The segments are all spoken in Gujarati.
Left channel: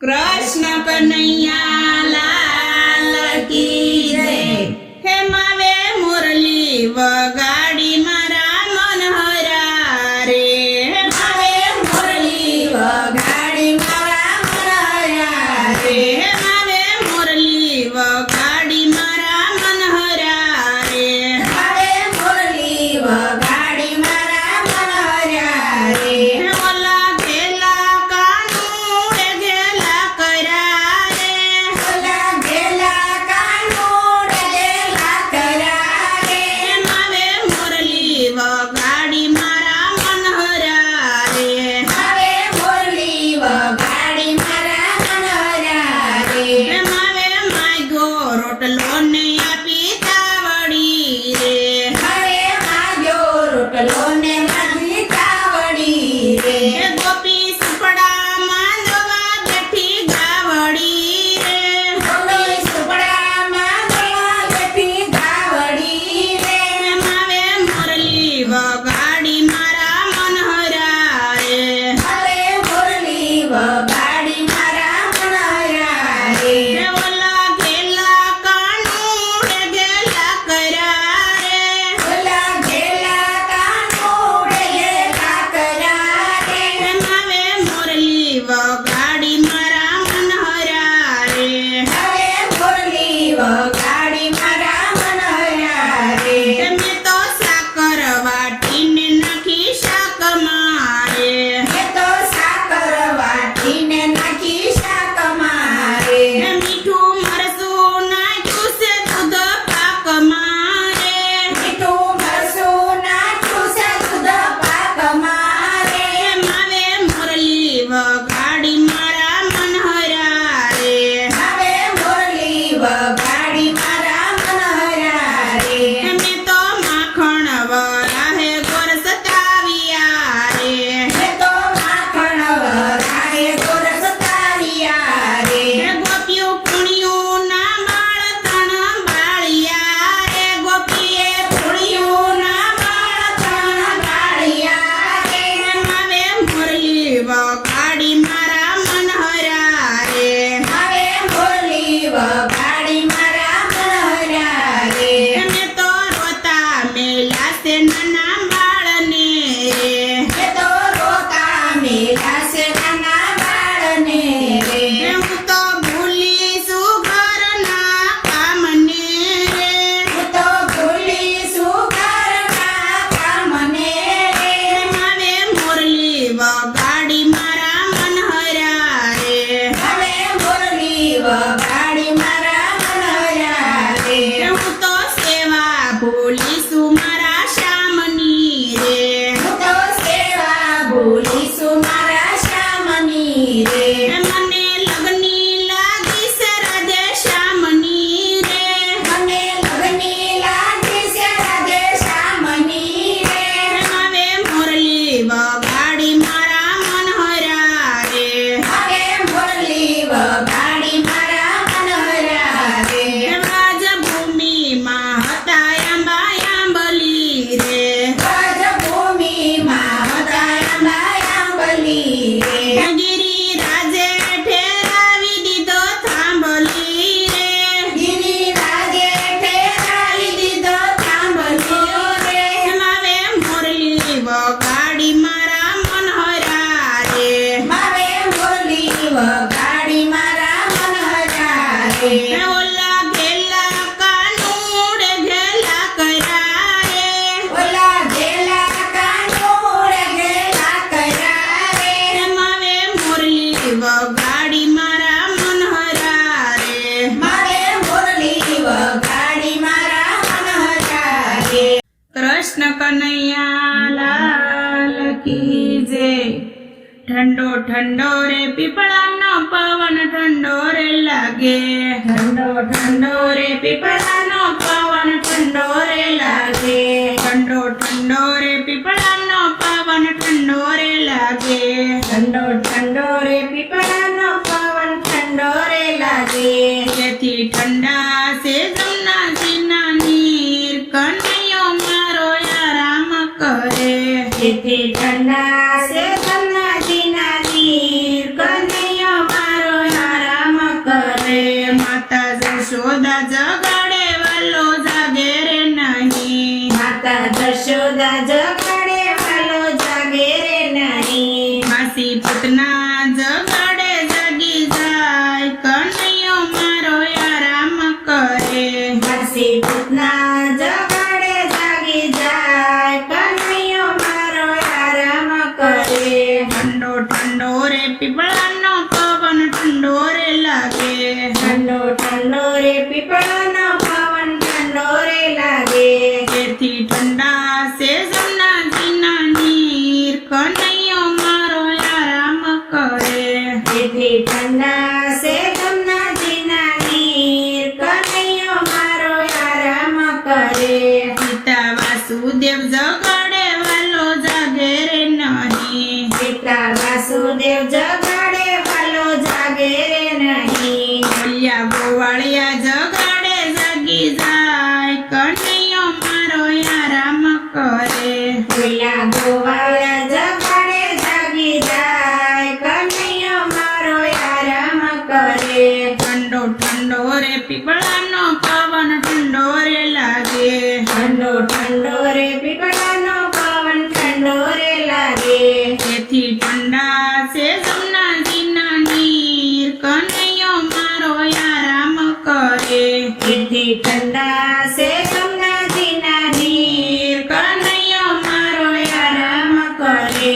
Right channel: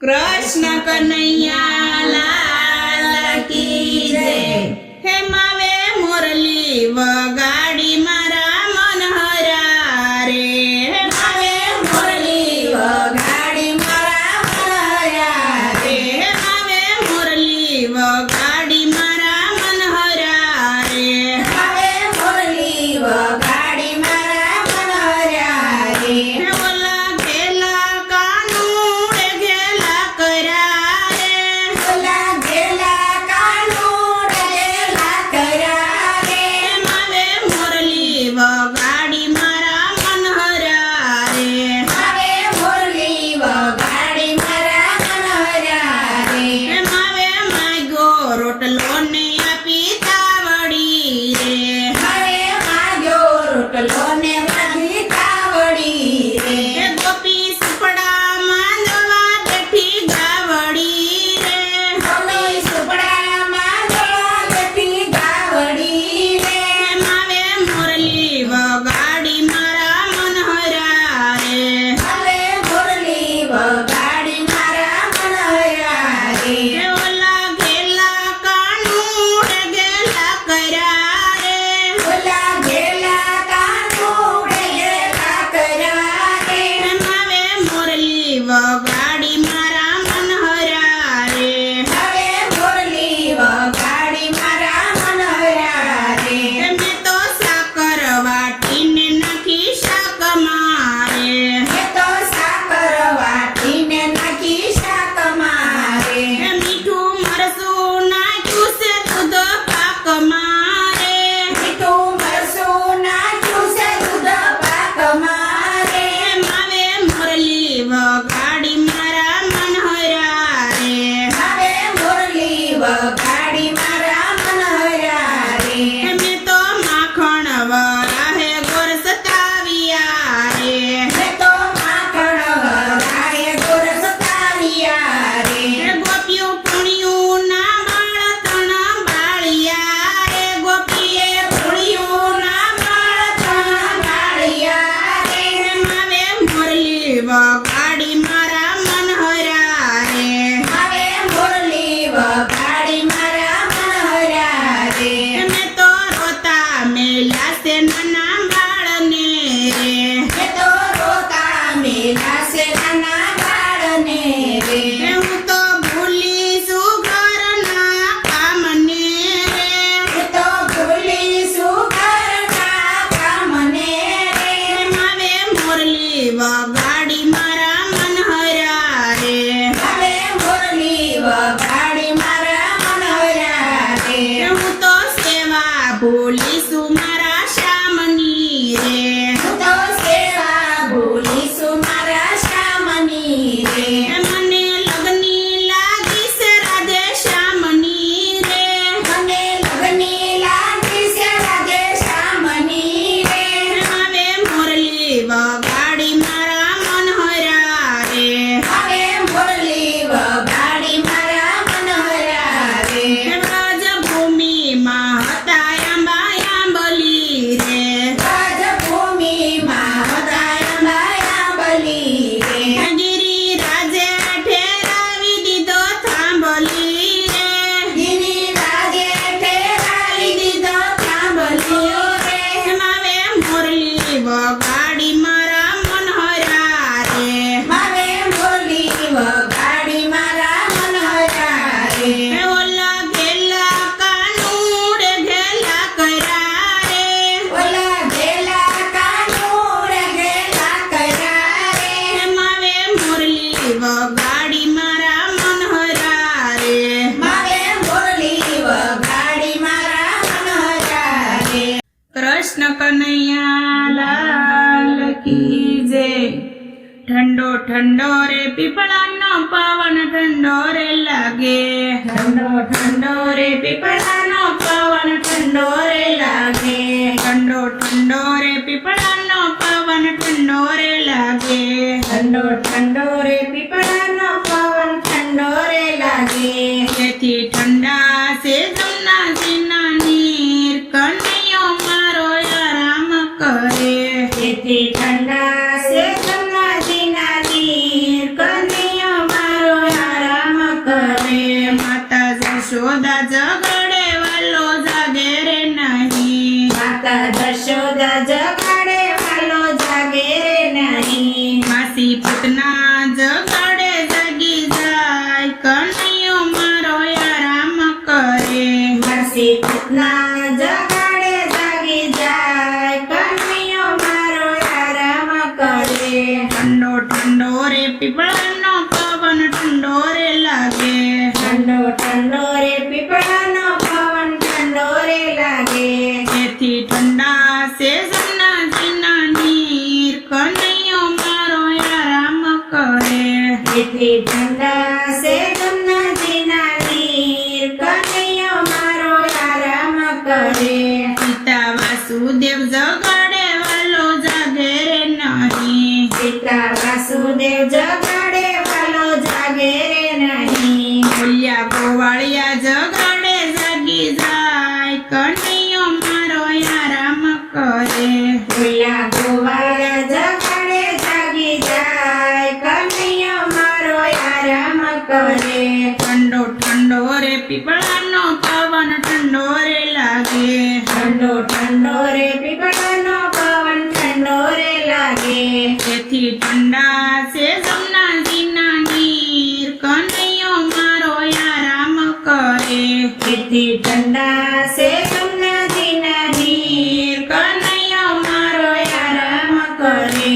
कृष्ण कन्हैया लाल की जय। हे मावे मुरली वगाड़ी मारा मनहरा रे। हे मावे मुरली वगाड़ी मारा मनहरा रे। हे मावे मुरली वगाड़ी मारा मनहरा रे। मावे मुरली वगाड़ी मारा मनहरा रे। हे ओला गेला कानूड़े गेला करा रे। ओला गेला कानूड़े गेला करा रे। मावे मुरली वगाड़ी मारा मनहरा रे। मावे मुरली वगाड़ी मारा मनहरा रे। मावे माग्यो रोटलो ने आपी तावड़ी रे। मावे माग्यो रोटलो ने आपी तावड़ी रे। गोपी सुपड़ा मांदवा बैठी गावड़ी रे। गोपी सुपड़ा मांदवा बैठी गावड़ी रे। मावे मुरली वगाड़ी मारा मनहरा रे। मावे मुरली वगाड़ी मारा मनहरा रे। ओला गेला कानूड़े गेला करा रे। ओला गेला कानूड़े गेला करा रे। मावे मुरली वगाड़ी मारा मनहरा रे। मावे मुरली वगाड़ी मारा मनहरा रे। मैं तो साकर वाटीने नाखी शाक मारे। मैं तो साकर वाटीने नाखी शाक मारे। मीठू मरसू नाख्यू से दूध पाक मारे। मीठू मरसू नाख्यू से दूध पाक मारे। मावे मुरली वगाड़ी मारा मनहरा रे। मावे मुरली वगाड़ी मारा मनहरा रे। मैं तो माखण वराहे गोर सताविया रे। मैं तो माखण वराहे गोर सताविया रे। गोपियों पुणियों ना बाळ तण बाळिया रे। गोपीए पुणियों ना बाळ तण बाळिया रे। मावे मुरली वगाड़ी मारा मनहरा रे। मावे मुरली वगाड़ी मारा मनहरा रे। मैं तो रोता मेला से नाना बाळने रे। मैं तो रोता मेला से नाना बाळने रे। હું તો ભૂલી છું ઘરના કામને રે। હું તો ભૂલી છું ઘરના કામને રે। માવે મુરલી વગાડી મારા मनहरा रे। માવે મુરલી વગાડી મારા मनहरा રે। હું તો સેવા ભૂલીશું મારા શ્યામની રે। હું તો સેવા ભૂલીશું મારા શ્યામની રે। મને લગની લાગી છે રાધે શ્યામની રે। મને લગની લાગી છે રાધે શ્યામની રે। માવે મુરલી વગાડી મારા मनहरा रे। માવે મુરલી વગાડી મારા मनहरा રે। રાજભૂમિ માં હતા આંબા આંબલી રે। રાજભૂમિ માં હતા આંબા આંબલી રે। ગિરિરાજે ઠેરાવી દીધો થાંભલી રે। ગિરિરાજે ઠેરાવી દીધો થાંભલી રે। માવે મુરલી વગાડી મારા मनहरा રે। માવે મુરલી વગાડી મારા मनहरा રે। ઓલા ગેલા કાનૂડે ગેલા કરા રે। ઓલા ગેલા કાનૂડે ગેલા કરા રે। માવે મુરલી વગાડી મારા मनहरा રે। માવે મુરલી વગાડી મારા मनहरा રે। कृष्ण कन्हैया लाल की जय। ठंडो ठंडो रे पीपळानो पवन ठंडो रे लागे। ठंडो ठंडो रे पीपळानो पवन ठंडो रे लागे। ठंडो ठंडो रे पीपळानो पवन ठंडो रे लागे। ठंडो ठंडो रे पीपळानो पवन ठंडो रे लागे। તેથી ઠંડા છે જમનાજીના નીર કનૈયો મારો આરામ કરે। તેથી ઠંડા છે જમનાજીના નીર કનૈયો મારો જશોદા જગાડે વાલો જાગે રે નહીં. માતા જશોદા જગાડે વાલો જાગે રે નહીં. માસી પૂતના જગાડે જાગી જાય કનૈયો મારો આરામ કરે. માસી પૂતના જગાડે જાગી જાય કનૈયો મારો આરામ કરે. ઠંડો ઠંડો રે પીપળાનો પવન ઠંડો રે લાગે. ઠંડો ઠંડો રે પીપળાનો પવન ઠંડો રે લાગે. તેથી ઠંડા છે જમનાજીના નીર કનૈયો મારો આરામ કરે. તેથી ઠંડા છે જમનાજીના નીર કનૈયો મારો આરામ કરે. પિતા વાસુદેવ જગાડે વાલો જાગે રે નહીં. પિતા વાસુદેવ જગાડે વાલો જાગે રે નહીં. બોલ્યા ગોવાળિયા જગાડે જાગી જાય કનૈયો મારો આરામ કરે. પેલા ગોવાળા જગાડે જાગી જાય કનૈયો મારો આરામ કરે. ઠંડો ઠંડો રે પીપળાનો પવન ઠંડો રે લાગે. ઠંડો ઠંડો રે પીપળાનો પવન ઠંડો રે લાગે. તેથી ઠંડા છે જમનાજીના નીર કનૈયો મારો આરામ કરે. તેથી ઠંડા છે જમનાજીના નીર કનૈયો મારો આરામ કરે.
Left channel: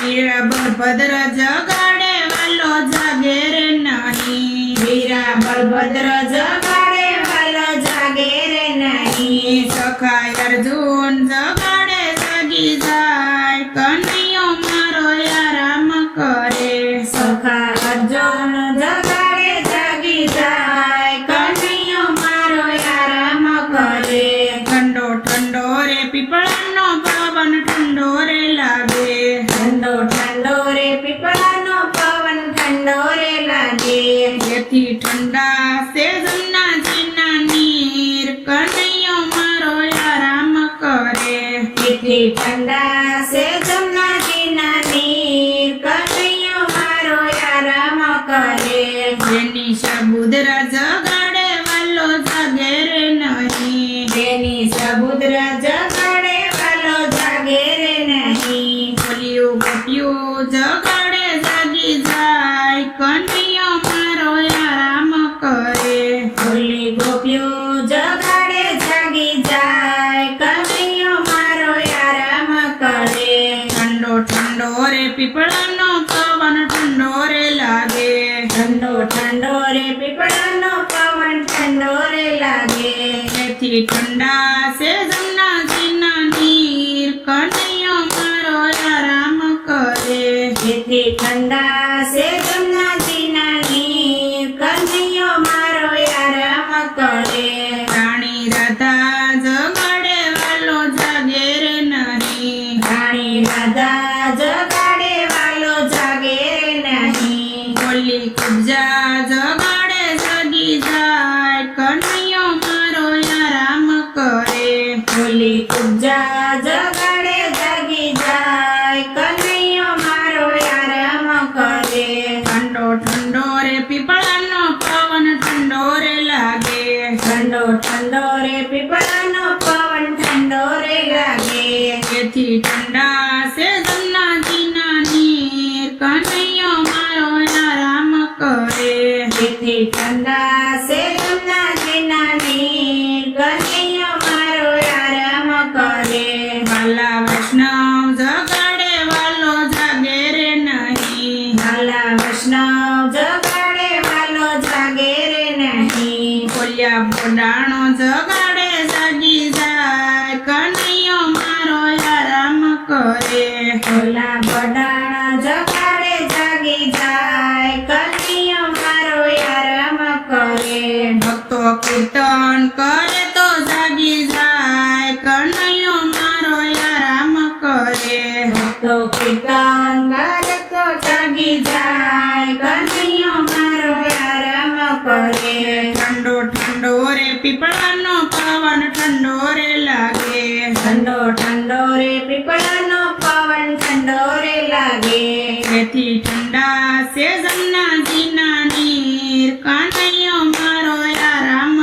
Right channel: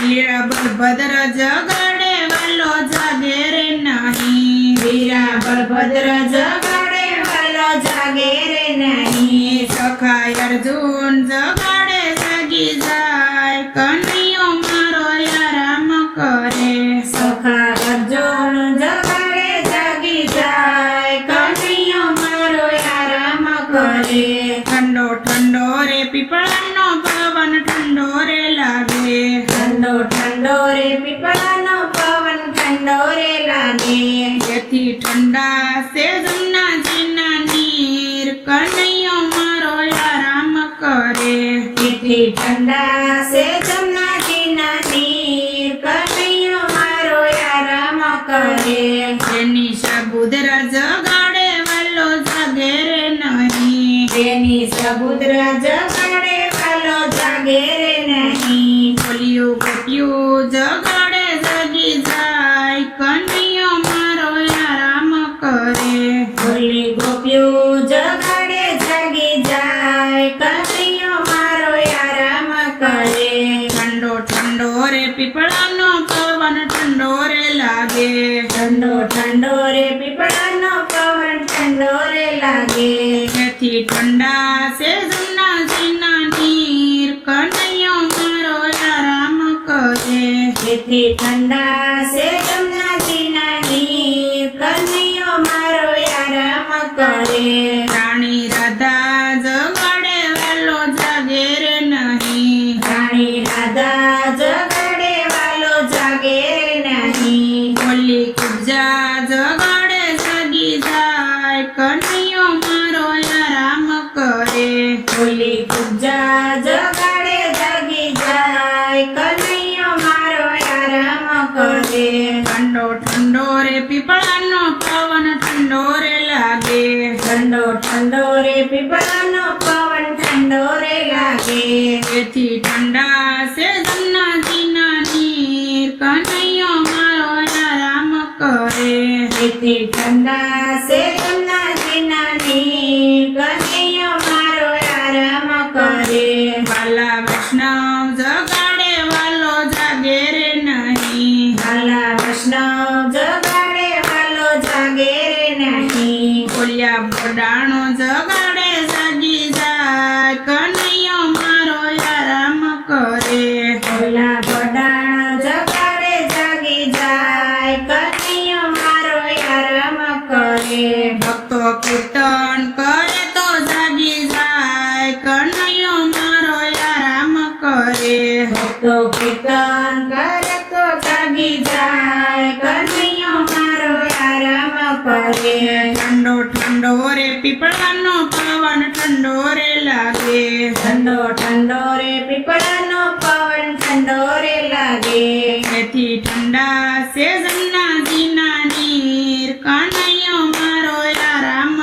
વીરા બળભદ્ર જગાડે વાલો જાગે રે નહીં. વીરા બળભદ્ર જગાડે વાલો જાગે રે નહીં. સખા અર્જુન જગાડે જાગી જાય કનૈયો મારો આરામ કરે. સખા અર્જુન જગાડે જાગી જાય કનૈયો મારો આરામ કરે. ઠંડો ઠંડો રે પીપળાનો પવન ઠંડો રે લાગે. ઠંડો ઠંડો રે પીપળાનો પવન ઠંડો રે લાગે. જેથી ઠંડા છે જમનાજીના નીર કનૈયો મારો આરામ કરે. તેથી ઠંડા છે જમનાજીના નીર કનૈયો મારો આરામ કરે. જેની સાબુદરા જગાડે વાલો જાગે રે નહીં. તેની સબુદ્ર જગાડે વાલો જાગે રે નહીં. બોલ્યું ગોપ્યું જગાડે જાગી જાય કનૈયો મારો આરામ કરે. ભોલી ગોપીઓ જગાડે જાગી જાય કનૈયો મારો આરામ કરે. ઠંડો ઠંડો રે પીપળાનો પવન ઠંડો રે લાગે. ઠંડો ઠંડો રે પીપળાનો પવન ઠંડો રે લાગે. તેથી ઠંડા છે જમનાજીના નીર કનૈયો મારો આરામ કરે. તેથી ઠંડા છે જમનાજીના નીર કનૈયો મારો આરામ કરે. રાણી રાધા જગાડે વાલો જાગે રે નહીં. રાણી રાધા જગાડે વાલો જાગે રે નહીં. બોલી કુબજા જગાડે જાગી જાય કનૈયો મારો આરામ કરે. બોલી કુબજા જગાડે જાગી જાય કનૈયો મારો આરામ કરે. ઠંડો ઠંડો રે પીપળાનો પવન ઠંડો રે લાગે. ઠંડો ઠંડો રે પીપળાનો પવન ઠંડો રે લાગે. તેથી ઠંડા છે જમનાજીના નીર કનૈયો મારો આરામ કરે. તેથી ઠંડા છે જમનાજીના નીર કનૈયો મારો આરામ કરે. વાલા વૈષ્ણવ જગાડે વાલો જાગે રે નહીં. વાલા વૈષ્ણવ જગાડે વાલો જાગે રે નહીં. બોલ્યા બોડાણો જગાડે જાગી જાય કનૈયો મારો આરામ કરે. ભોલા બડાણા જગાડે જાગી જાય કનૈયો મારો આરામ કરે. ભક્તો કીર્તન કરે તો જાગી જાય કનૈયો મારો આરામ કરે. ભક્તો કીર્તન કરે તો જાગી જાય કનૈયો મારો આરામ કરે. ઠંડો ઠંડો રે પીપળાનો પવન ઠંડો રે લાગે. ઠંડો ઠંડો રે પીપળાનો પવન ઠંડો રે લાગે. તેથી ઠંડા છે જમનાજીના નીર કનૈયો મારો આરામ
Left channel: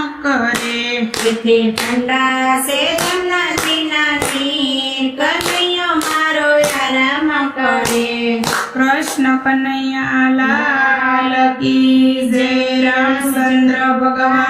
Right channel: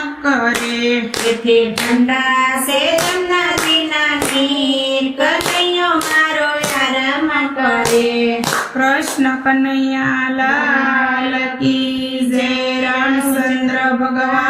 તેથી ઠંડા છે જમનાજીના નીર કનૈયો મારો આરામ કરે કૃષ્ણ કનૈયા લાલ કી જય રામચંદ્ર ભગવાન